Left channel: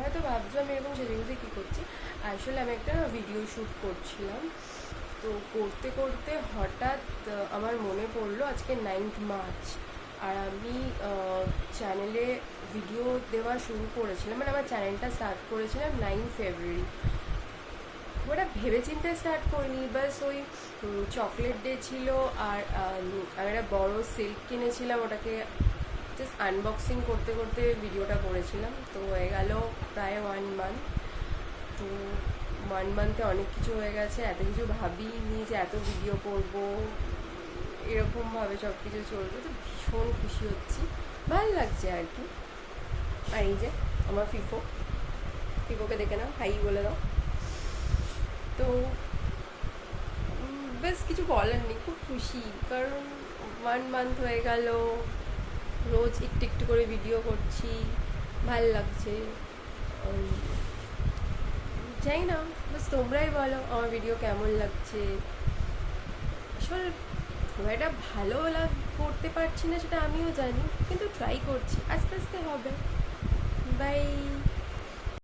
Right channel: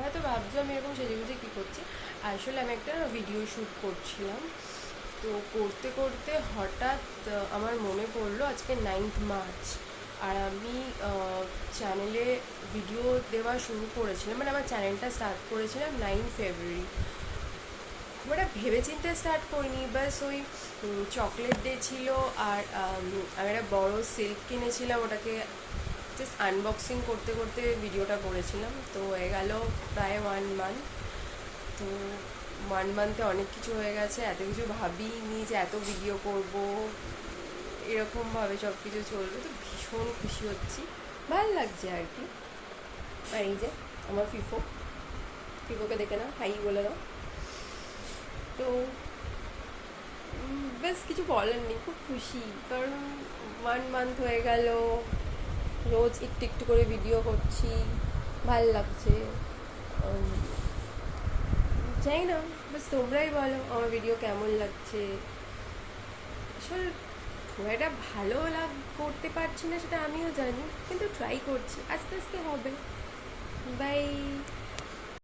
হয়তো ভাবছো আমি এরকম সেজেগুজে কী করছি, আসলে আমি একটা ভিডিও শ্যুট করছিলাম। তো করতে করতে হঠাৎ আমার মনে পড়লো আজকে 9th মার্চ, আর আমি চ্যানেলে ভিডিও দেওয়া শুরু করেছিলাম, মানে আমার চ্যানেলটা স্টার্ট করেছিলাম 9 ফেব্রুয়ারি। খুব একটা ভেবেচিন্তে স্টার্ট করিনি, বাস ওই চকলেট ডে ছিল, আর আমি একটা বড়ো সিল্ক কিনেছিলাম, ওটাকে জাস্ট আনবক্সিং করতে করতে ভিডিওটা করেছিলাম। তো হয়ে গেল প্রায় 1 মান্থ। তো 1 মান্থে অনেক কিছু হয়ে গেছে, এত কিছু ভাবিনি যে এত ভিডিও করব, এরকমভাবে সব কিছু চলবে। তো ভীষণ খুশি হচ্ছি, ভালো লাগছে আর কি। আর এই যে আমার ফিফোকে দেখে নাও, হাই বলে দাও। তো বেশ কিছু বলার নেই, খুব খুশি, কারণ 1 মান্থ হয়ে গেল, রোজ একটু একটু করে ভিডিও করছি, ভাল লাগছে। চাই না, বাস তোমরাই বলো আমার ভিডিও কেমন লাগছে। আসলে খুব একটা ভালো করতে পারছি না সেটা আমিও জানি, কিন্তু ট্রাই করছি, আস্তে আস্তে হবে। বাই।